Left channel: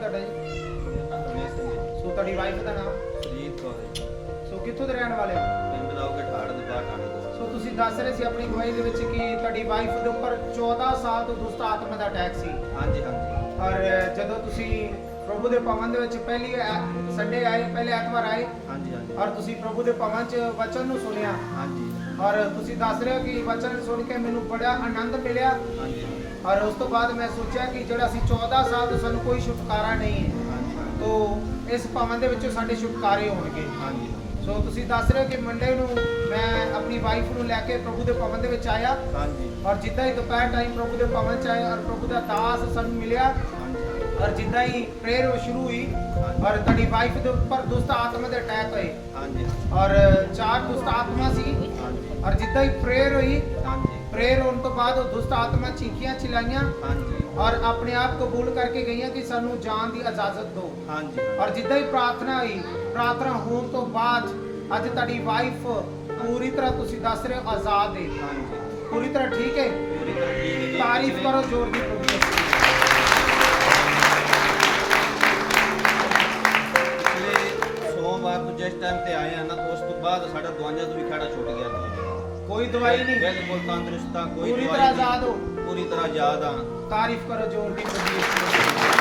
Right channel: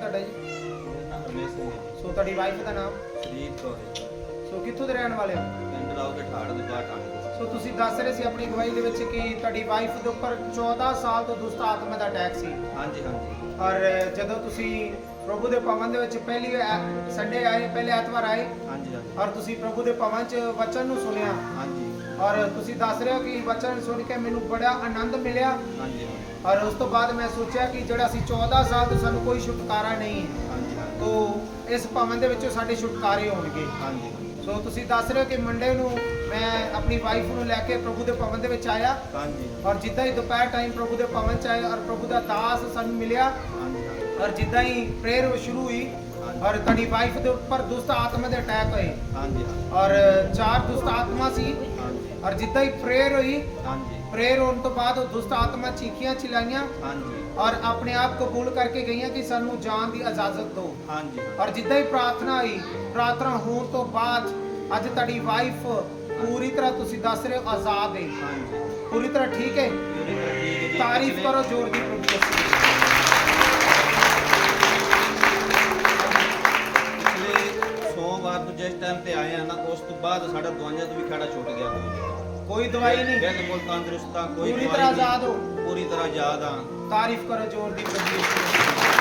ਨਾਮ ਤੁਹਾਡਾ ਜੀ? ਮੇਰਾ ਨਾਮ ਰਮੇਸ਼ ਸਿੰਘ ਹੈ ਜੀ। ਸੋ ਤੁਹਾਡੀ ਵਾਈਫ ਦਾ ਨਾਮ? ਸਰੀਰ ਕੌਰ ਹੈ ਜੀ। ਕਿੱਥੋਂ ਦੇ ਰਹਿਣ ਵਾਲੇ ਹੋ? ਪਿੰਡ ਲਾਓਗੇ ਠਾੜ ਦੇ ਬਾਹਰ ਠਾਣੇ ਤੋਂ। ਸੋ ਤੁਸੀਂ ਦੱਸ ਰਹੇ ਸੀ ਆਪਣੀ ਗਵਾਹੀ ਦੇ ਵਿੱਚ ਕਿ ਤੁਹਾਡੀ ਵਾਈਫ ਦੇ ਉੱਪਰ 14 ਸਾਲ ਤੋਂ ਦੁਸ਼ਟ ਆਤਮਾ ਦਾ ਅਟੈਕ ਸੀ। ਹਾਂਜੀ ਹਾਂਜੀ। ਔਰ ਜਦੋਂ ਤੁਸੀਂ ਪ੍ਰਭੂ ਦੇ ਭਵਨ ਦੇ ਵਿੱਚ ਪਹਿਲੀ ਸੰਡੇ ਆਏ ਪਹਿਲੇ ਐਤਵਾਰ ਆਏ ਹਾਂਜੀ ਹਾਂਜੀ। ਔਰ ਤੁਸੀਂ ਪ੍ਰਭੂ ਦੇ ਭਵਨ 'ਚ ਵਚਨ ਨੂੰ ਸੁਣਿਆ। ਹਾਂਜੀ। ਔਰ ਤੁਸੀਂ ਦੱਸ ਰਹੇ ਹੋ ਕਿ ਵਚਨ ਸੁਣ ਕੇ ਮੈਨੂੰ ਬੜਾ ਆਨੰਦ ਮਿਲਿਆ। ਹਾਂਜੀ ਹਾਂਜੀ। ਔਰ ਉਸ ਤੋਂ ਬਾਅਦ ਮੈਂ ਸੋਚਿਆ ਕਿ ਜਿਹੜਾ ਅਸੀਂ 14 ਸਾਲ ਤੋਂ ਸਾਨੂੰ ਕੋਈ ਛੁਟਕਾਰਾ ਨਹੀਂ ਹਾਂਜੀ ਹਾਂਜੀ। ਤੋ ਇਸ ਭਵਨ ਦੇ ਵਿੱਚੋਂ ਸਾਡੇ ਛੁਟਕਾਰੇ ਹੋਣਗੇ। ਹਾਂਜੀ ਹਾਂਜੀ। ਸੋ ਤੁਸੀਂ ਦੱਸ ਰਹੇ ਹੋ ਕਿ ਮੰਡੇ ਨੂੰ ਮੈਂ ਆਪਣੀ ਵਾਈਫ ਨੂੰ ਲੈ ਕੇ ਪ੍ਰਭੂ ਦੇ ਭਵਨ ਦੇ ਵਿੱਚ ਆਇਆ। ਹਾਂਜੀ। ਔਰ ਜਿੱਦਾਂ ਹੀ ਦੁਪਹਿਰ ਟਾਈਮ ਪ੍ਰਭੂ ਦੇ ਭਵਨ ਚ ਆਇਆ ਔਰ ਪ੍ਰਭੂ ਦਾ ਦਾਸ ਸਾਨੂੰ ਮਿਲਿਆ। ਹਾਂਜੀ ਹਾਂਜੀ। ਔਰ ਜਿੱਦਾਂ ਹੀ ਪ੍ਰੇਅਰ ਸ਼ੁਰੂ ਹੋਈ ਹਾਂਜੀ। ਔਰ ਤੁਹਾਡੀ ਵਾਈਫ ਦੇ ਉੱਪਰ ਦੁਸ਼ਟ ਆਤਮਾ ਦੇ ਅਟੈਕ ਹੋਏ। ਹਾਂਜੀ ਹਾਂਜੀ। ਔਰ ਚਾਰ ਦੁਸ਼ਟ ਆਤਮਾ ਸੀ। ਹਾਂਜੀ। ਔਰ ਜਿੱਦਾਂ ਹੀ ਪ੍ਰੇਅਰ ਹੋਈ ਹਾਂਜੀ। ਪ੍ਰੇਅਰ ਹੋਣ ਤੋਂ ਬਾਅਦ ਉਹ ਦੁਸ਼ਟ ਆਤਮਾ ਚੀਖੀਆਂ ਚਿਲਾਈਆਂ। ਹਾਂਜੀ। ਔਰ ਆਪਣੇ ਆਪ ਕਬੂਲ ਕਰਕੇ ਗਈਆਂ ਕਿ ਸਾਨੂੰ ਜਾਣ ਦੀ ਇਜਾਜ਼ਤ ਦਿਓ। ਹਾਂਜੀ ਔਰ ਜਿੱਦਾਂ ਹੀ ਪ੍ਰਾਰਥਨਾ ਹੋਈ ਪ੍ਰਾਰਥਨਾ ਹੋਣ ਤੋਂ ਬਾਅਦ ਅੱਜ ਤੁਹਾਡੀ ਵਾਈਫ ਪੂਰੀ ਤਰ੍ਹਾਂ ਤੁਸੀਂ ਦੱਸ ਰਹੇ ਹੋ ਆਜ਼ਾਦ ਹੈ। ਹਾਂਜੀ। ਪੂਰੀ ਤਰ੍ਹਾਂ ਠੀਕ ਹੈ? ਪੂਰੀ ਤਰ੍ਹਾਂ ਠੀਕ ਹੈ ਜੀ। ਤਾਰੀਫ ਪਿਛਲੇ- ਕਰੋ ਜ਼ੋਰ ਦੀ ਪ੍ਰਭੂ ਯਿਸੂ ਸੋਮਵਾਰ ਤੋਂ ਜਿਸ ਟਾਈਮ ਤੇ ਆਏ ਆ ਨਾ ਉਸ ਤੋਂ ਬਾਅਦ ਸਾਡਾ ਦਵਾਈਆਂ ਤੋਂ ਵੀ ਖੜਾ ਛੁੱਟ ਗਿਆ ਕੋਈ ਦਵਾਈ ਨਹੀਂ ਬਿਲਕੁਲ ਤੰਦਰੁਸਤ ਆ ਕੋਈ ਪੂਰੀ ਦਵਾਈ ਤਰ੍ਹਾਂ ਨਹੀਂ। ਆਜ਼ਾਦ ਹੋ। ਪੂਰੀ ਤਰ੍ਹਾਂ ਆਜ਼ਾਦ ਆ ਤਾਰੀਫ ਕਰੋ ਜ਼ੋਰ ਦੀ ਦੀ।